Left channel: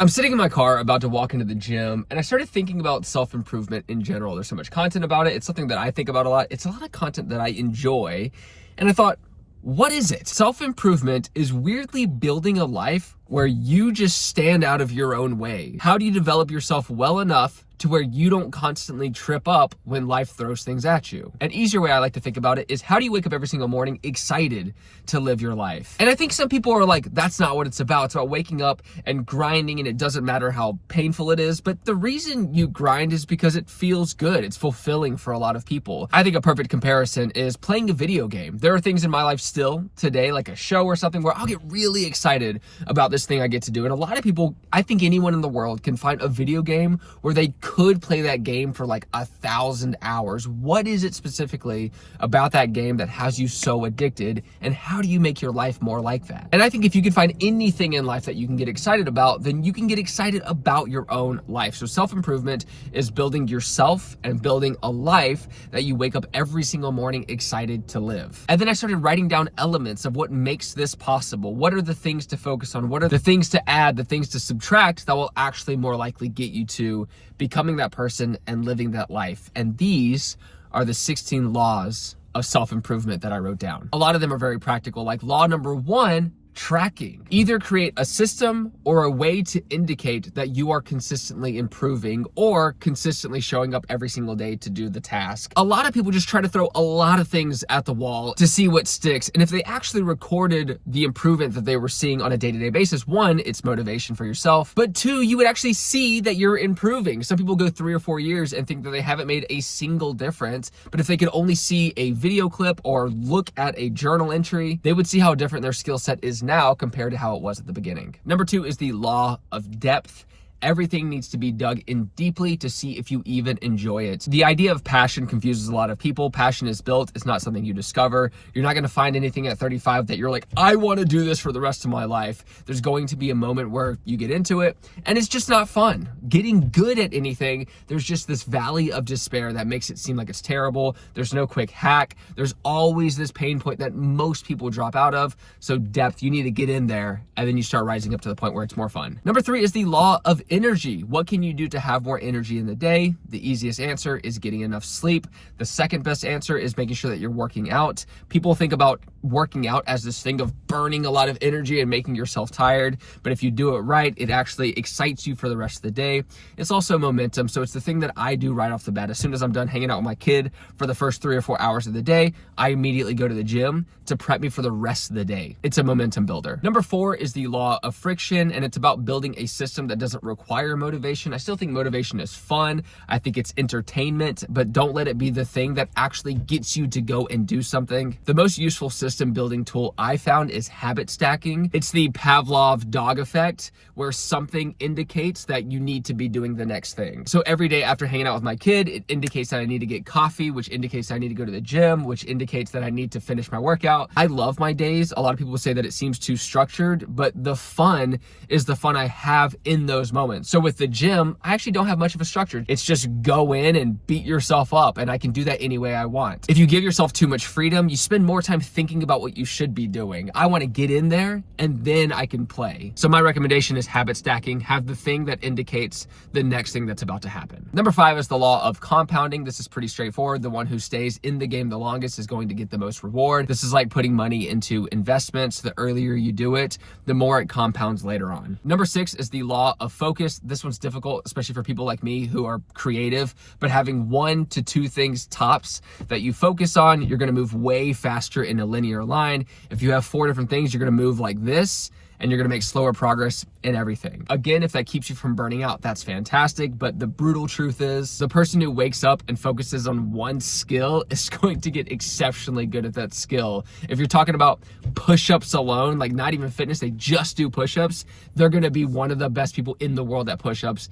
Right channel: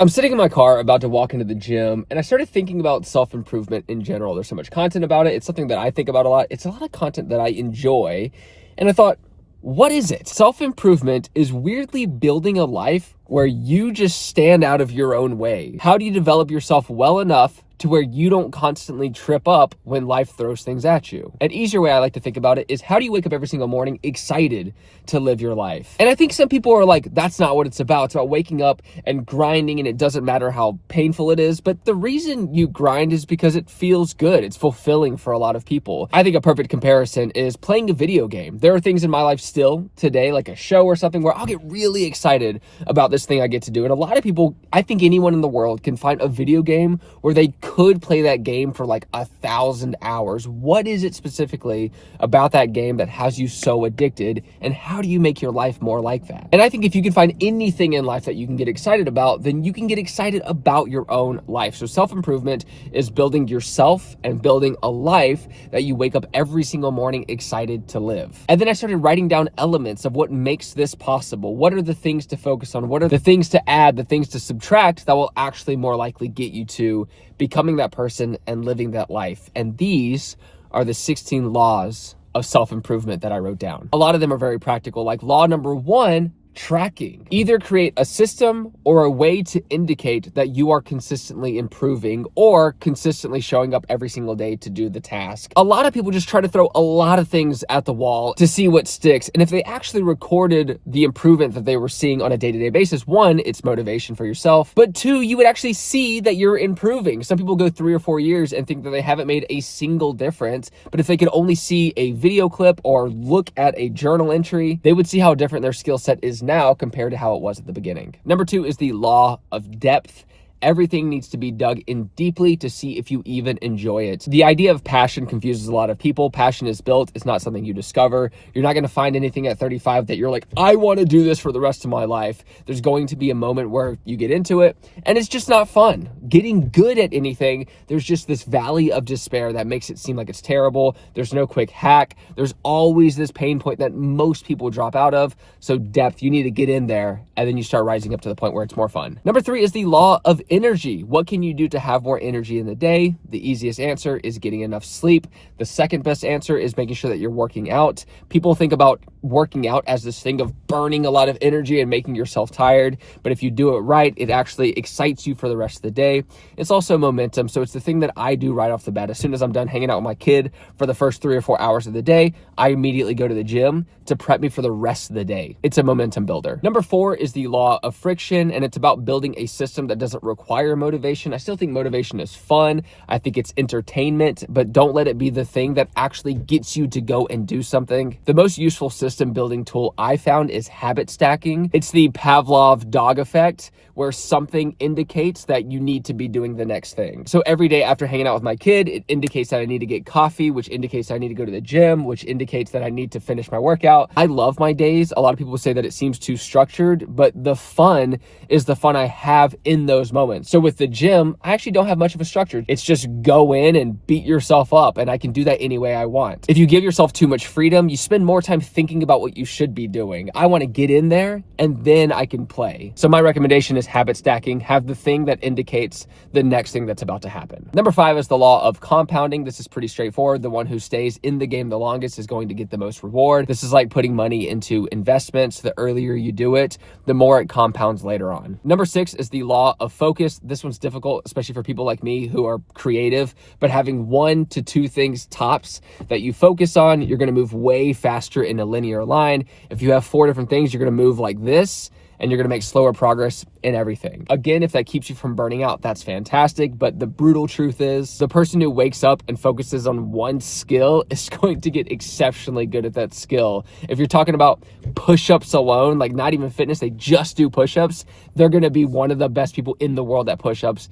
I'm sitting in my car about to walk into the gym, and I started thinking about self-improvement in general. There's so much content about it. It's something that I think about a lot. It's a lot of content that I enjoy. And I thought, what is it? Self-improvement is weirdly building a life where you just stand out of your own way. How do you develop yourself well enough to where you don't constantly trip up when life throws things at you? An easier way I like to think about it is, how do you wake up every single morning excited to live your life? And I think some people are like, that's not what it's about. It's about waking up and grinding, and it doesn't matter how painful it is. But the reason you grind is because it feels good. It's fulfilling for a lot of people. I think a perfect comparison is playing a video game. There are things in my life still today, like a show or something, where I'll get really excited about this thing I get to do. And a lot of people, I think anyone in the world can find a video game where they could play that game for like 1,000 hours. What is it specifically about that game that has you so addicted, and how do you make your life more like that? And I think if you can find anything in life that you can get excited about, then you can get excited about your own life. So self-improvement is building yourself and building a life that you wake up every single morning excited to live. And then I started writing down elements of what makes this possible. What are the things to focus on? What are the things to add, the things to subtract that will actually more likely get you to becoming that person and living that life? And these are the 16 laws of self-improvement that I wrote down. A lot of them are very practical. Like law number 1, tracking. Either create a system or a way to indicate that you are consistently improving or consistently showing up every single day to do the task. A lot of people just try to throw a lot of things at the wall to see what sticks. And if they actually recorded the improvement that they were seeing on a day-to-day basis, 1, it's motivation for yourself, but 2, you would actually see that you're improving. Some people go 3 or 4 years and think that they haven't made a single difference, but if they could only see a video clip or look at a journal entry, they would see how different their skill set is now compared to how it was at the beginning. Number 2 is the law of depth. Everything needs to be dug in deeply to see if you even enjoy it. The idea of passion confuses a lot of people. Passion is built. It's not something you discover. You're not going to find anything at 35 that you're like, I want to do this for the rest of my life. There's going to be a moment where you get into it and it's just not fun. Getting good at anything, there's just this valley of despair that makes it seem like it's terrible. There's no quick hack. There's always this pain point that most people drop out of. So depth, you need to get in there and then you start rising up to the point where it's more fun. Number 3 is the law of energy. What can you do to have more energy in the day? The easiest answer is getting enough sleep. The second best answer is making sure that you're working out. People think about working out as this thing of burning a lot of energy and making yourself tired. But if you do it right, it actually excites you for the rest of the day. It's also momentum. So it's the thing that I do right off the bat. As soon as I'm done hanging out with my kid for the first 3 or 4 hours of the day, I immediately go to the gym to prep me for the rest of the day. It's a momentum builder. Number 4 is the law of friction, and it's about building a system that doesn't require motivation. I still think motivation is fun. I think it's entertainment, but don't let it be the thing that actually gets you to go and do something. The most useful system building tool I found is habit stacking. It's the Pavlov dog effect, where something indicates that you need to be doing the next thing. So every day after hanging out with my kid, it indicates that I need to get coffee, which indicates I need to go to the gym, which indicates that I need to finish my workout. I love my days. A lot of people say that it seems too structured, but the fun is the fun I have in those moments. So with the gym, I actually don't have much of a structure. It's just go in and beat yourself up, and I can do that any way I want. If you give yourself too much freedom, you spend more time thinking about what you should be doing. I want to get in there and then I can play. So my recommendation is habit stacking. Have the thing that indicates the next thing that's about to happen. Number 5 is the law of compounding. This is pretty straightforward. The one who stays in the game the longest is going to get the most reward. This is like putting money into investments. The earlier you do it, the more it compounds later on. Number 6 is the law of focus. This one's difficult, especially for people like me who are creative, but having 1 to 2 things tops that you focus on, you're going to move way faster in a linear line. If you have 4 different things, you're going to move like this, and you're going to make slower progress in everything. Again, if that keeps you from burning out, that's fantastic. But the brutal truth is, the person who wakes up and focuses on one skill is going to get exceptionally good at that skill. If you're talking about push-ups alone, like not even fitness, they just do push-ups, they're going to be one of the best people in the world at push-ups,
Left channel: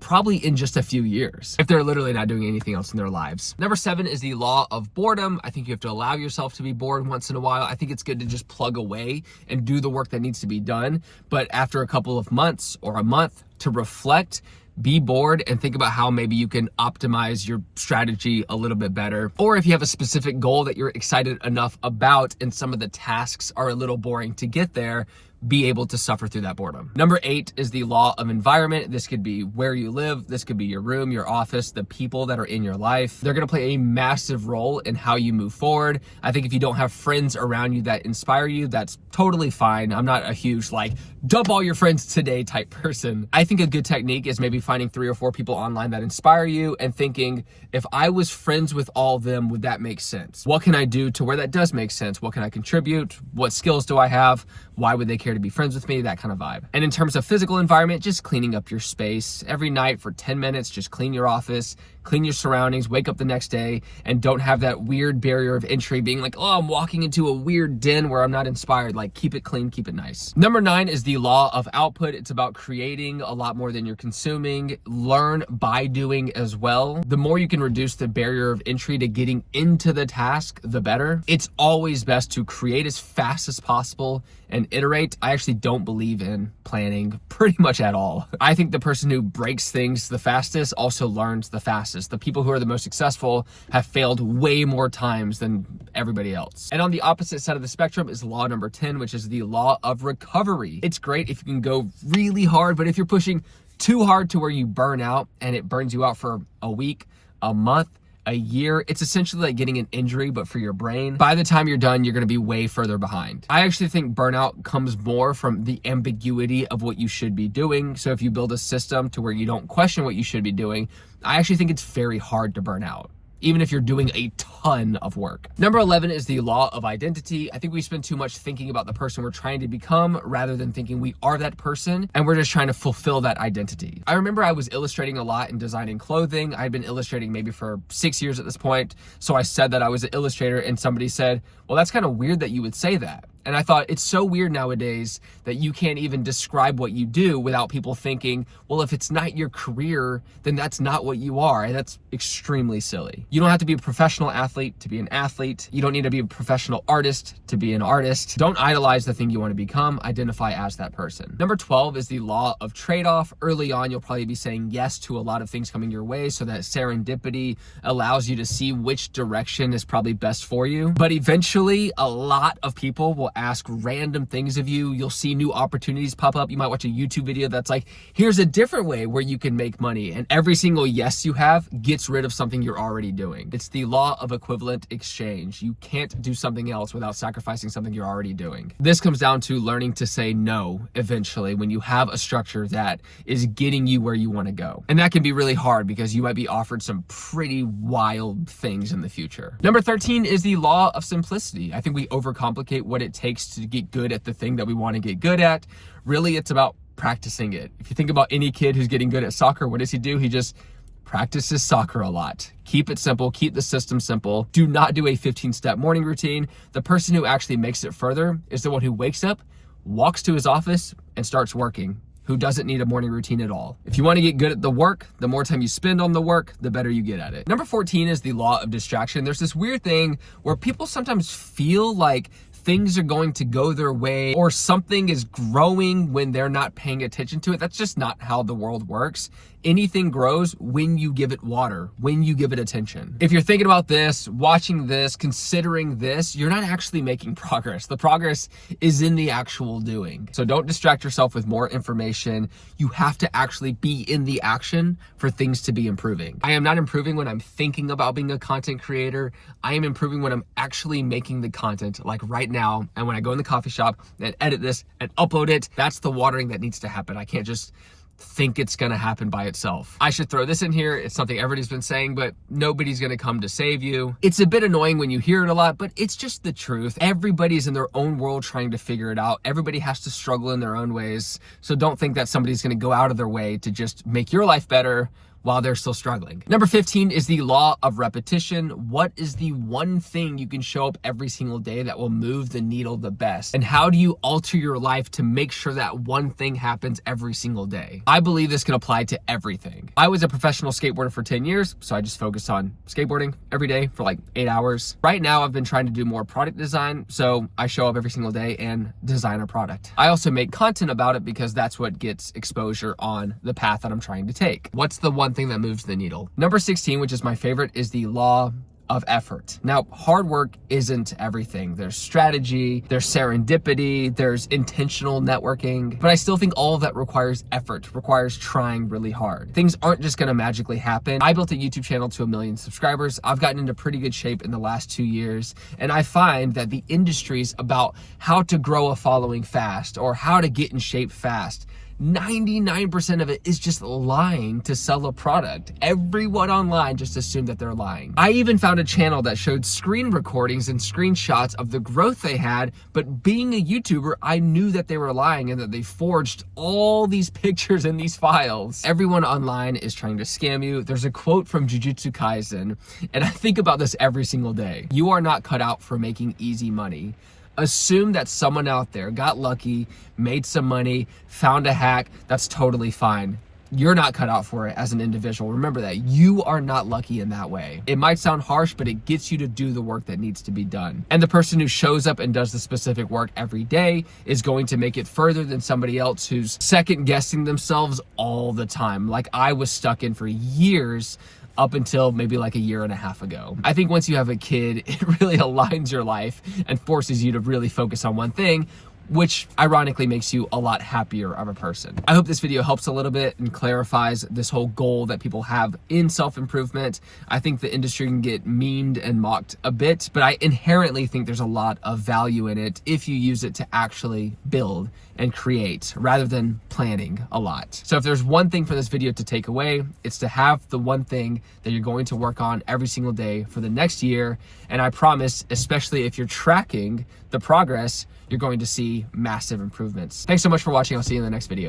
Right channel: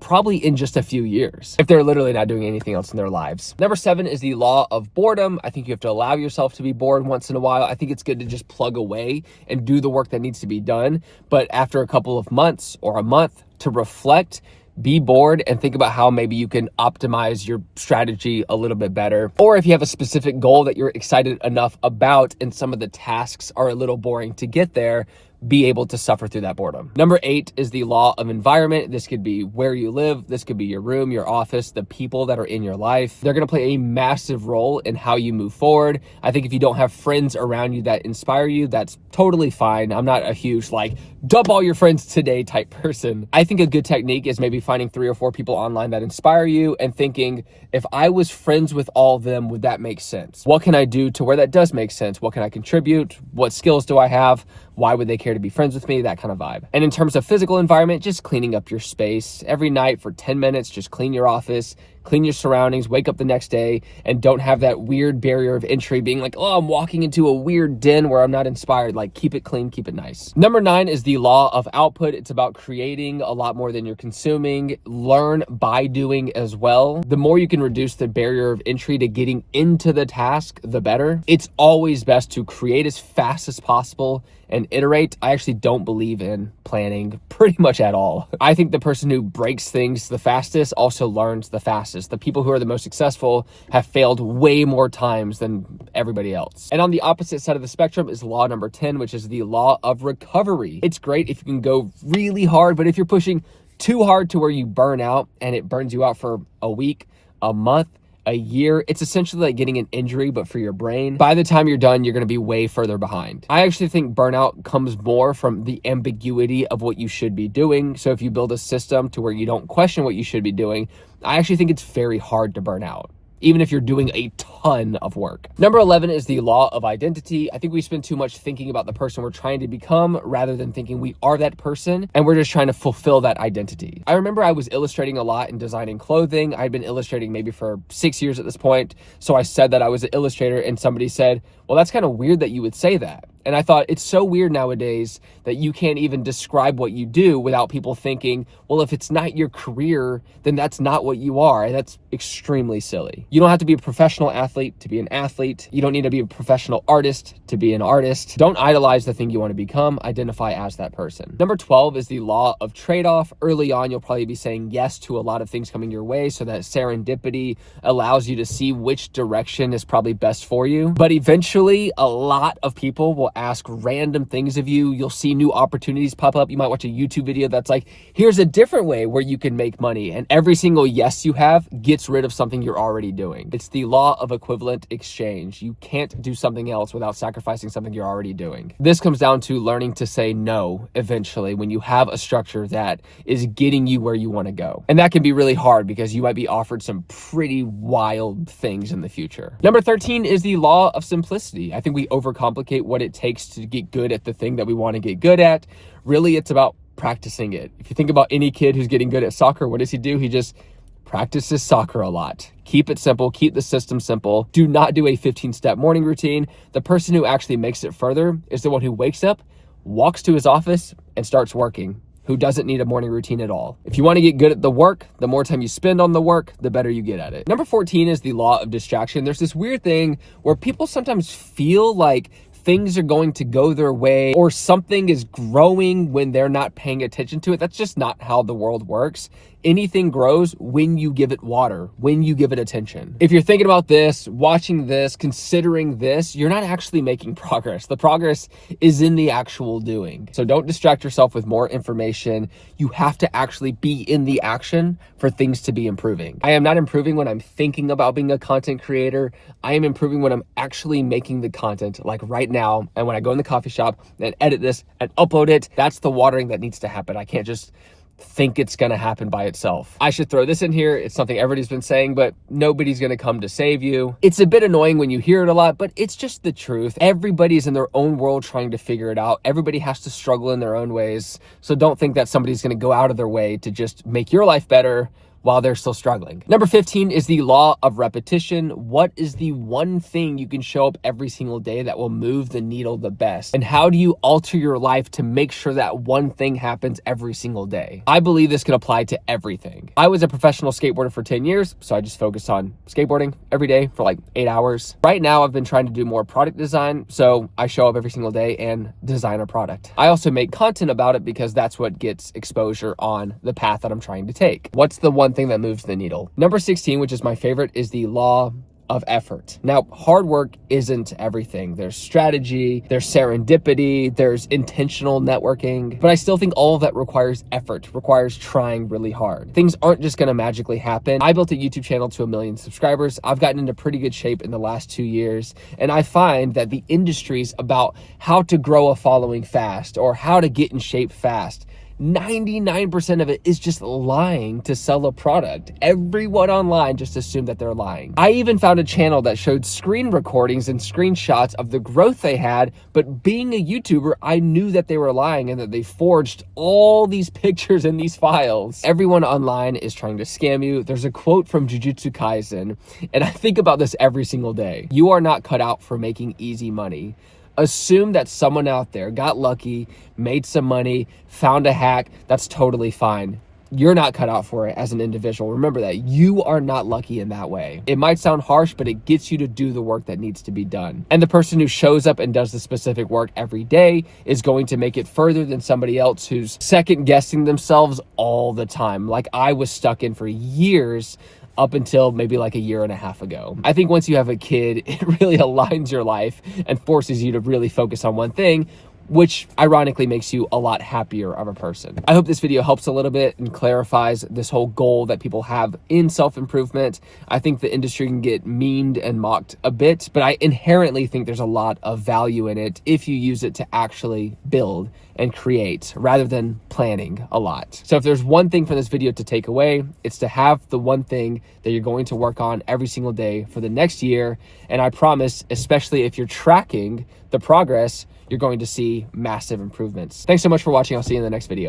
probably in just a few years, if they're literally not doing anything else in their lives. Number 7 is the law of boredom. I think you have to allow yourself to be bored once in a while. I think it's good to just plug away and do the work that needs to be done. But after a couple of months or a month, to reflect, be bored, and think about how maybe you can optimize your strategy a little bit better. Or if you have a specific goal that you're excited enough about and some of the tasks are a little boring to get there, be able to suffer through that boredom. Number 8 is the law of environment. This could be where you live. This could be your room, your office, the people that are in your life. They're going to play a massive role in how you move forward. I think if you don't have friends around you that inspire you, that's totally fine. I'm not a huge like dump all your friends today type person. I think a good technique is maybe finding 3 or 4 people online that inspire you and thinking, if I was friends with all of them, would that make sense? What can I do to where that does make sense? What can I contribute? What skills do I have? Why would they care to be friends with me? That kind of vibe. And in terms of physical environment, just cleaning up your space. Every night for 10 minutes, just clean your office, clean your surroundings, wake up the next day, and don't have that weird barrier of entry being like, oh, I'm walking into a weird den where I'm not inspired. Like, keep it clean, keep it nice. Number 9 is the law of output. It's about creating a lot more than you're consuming. Learn by doing as well. The more you can reduce the barrier of entry to getting into the task, the better. It's always best to create as fast as possible and iterate. I actually don't believe in planning pretty much at all. I think the person who breaks things the fastest also learns the fastest. The people who are the most successful have failed way more times than everybody else. And on the opposite side of the spectrum is law number 10, which is the law of recovery. It's great if you can go really hard, but if you're pushing too hard to where you burn out and it burns you out for a week, a month, a year, it's essentially like getting an injury, but for your brain. By the time you're done, you're going to be way further behind. I actually think burnout comes more from the ambiguity of what you should be doing. So if you build a system to where you don't question what you should be doing, I actually think it's very hard to burn out, even if you're doing a ton of work. Number 11 is the law of identity. I think we spend too much thinking about the person we're trying to become rather than thinking we are that person and we're just trying to fulfill that identity. I remember I was illustrating a lot and designing clothing. I'd been illustrating maybe for 6 years at this point. So I said that I was an illustrator and somebody said, well, that's kind of weird that you would say that. And I thought it's so weird nowadays that you can't even describe what you do without people thinking, well, if it's not your career, then that's not what you are. And that's extremely silly. You don't have to be a professional athlete to be an athlete. You don't need to be a professional artist to be an artist. Don't idolize the thing you want to become. Identify as that person. Number 12 is the law of trade-off. Early on, you'll probably be saying yes to a lot of things coming your way so that serendipity allows you to see which direction is probably best for you. But eventually, a lot of people will ask random things of you. You'll see new opportunities pop up. You might watch a YouTube video that's like, here's a different way where you can make money. And every single yes you have gets rid of something you're already doing. It's the law of equivalent exchange. You can't do something else without sacrificing something you're already doing. This comes down to learning to say no eventually when you have a structure that is getting you where you want to go. And that can be really hard because you might be offered some pretty wild things in the future. Number 13 is the law of simplicity. I think we overcomplicate what it takes to get good at the thing that we want to get good at. Really, it's about practicing it. If you think about any kid who's getting good at soccer, what does he do? He just practices soccer a lot. Keep it simple. Keep the system simple. Do not do a 15-step morning routine. The person who actually makes it further is the one who wakes up, walks to his office, and starts working, who doesn't need a morning routine at all. If you want to get good at the work, the more time you spend on the work, the better you get at it. Number 14 is the law of distraction. There's this weird thing where people sometimes feel like things are going to go their way or something is growing when they're not paying attention to it. That's just not how the world works. Anything grows when you give it water, when you give it attention. If you're thinking about this, watching this, considering this, you're not actually making progress. The progress is in the actual doing. So don't distract yourself with more information. You have to actually be in the action for things to be improving. I am not improving when I'm thinking about being a content creator. I am improving when I'm actually making the content, like right now. And when I go in the coffee shop and edit this and upload it, that's the watering that needs to happen. I can't just think it's gonna happen by itself. I should throw this in here. It's something everybody's been saying, but nobody's gonna come to save you. It's a bit annoying when you hear it a lot, but it's just the truth. Everybody's in their own world trying to figure it out. Everybody has to struggle in their own ways. So don't think that somebody's gonna go out of their way to just make your life better while they're still struggling. Number 15 is the law of repetition. What is the one thing you can show up every single day that will move the needle the best? And how do you alter your life to make sure that one thing happens every single day? I believe this can apply to everything. I was a professional skateboarder for 10 years, so I just focused on skateboarding every day for like 8 hours. Right now, I've been trying to do more product design, so I show up every single day and design a product. I also make content about it because that's what gets exposure on the path that I'm trying to take. What's the one thing that moves the needle? Number 16, which is my favorite, is the law of effort. Now, hard work isn't everything. There's strategy, there's serendipity, there's intentional networking, but I still think all of that requires effort, requires trying really hard. Things aren't just gonna magically happen. I built a YouTube channel to 1 million subscribers. I've gotten into pretty good shape in the last 2 years, and I find that the industry's about how to grow a following fast or how to get in shape fast. 99% of it is just lying to sell a product. Everyone online just assumed that they're lying. I even found a channel that showed screen recordings and screenshots of the growth they had, but being a YouTuber, I knew that they were lying and that they forged all these pictures and these files. Everyone online is trying to scam you. There's a quote from Jujutsu Kaisen, and I think about this every single day. You are not cut out for making easy money. Assume that someone out there got lucky, made some money, found a hack. That's totally fine. You're not cut out for it as an individual. Remember that. You are not lucky in that way. It might sound harsh, but it gets you to do the work that needs to be done. And the person who shows up and does the specific work every day is going to make it further than somebody else who's second guessing themselves all the time. Like I was stuck in for years, up until maybe like 1.5 years ago. I think once you have a kid, it really aligns your life and forces you to really focus on one thing, which ironically makes you a lot happier of a person. I hope this video helps a little bit and clarifies this whole goal that people have in self-improvement. I think the industry can get memed and mocked a bit, but I inherently think there's a lot of value in it if you use it to actually build and create rather than planning a lot. So if there's one thing from this video to take away, it's to have the one thing that you're going to work on every single day for the next year. And I promise, especially if you're tracking the progress, you're going to see massive improvements. Thanks so much for watching. I'll see you in the next video.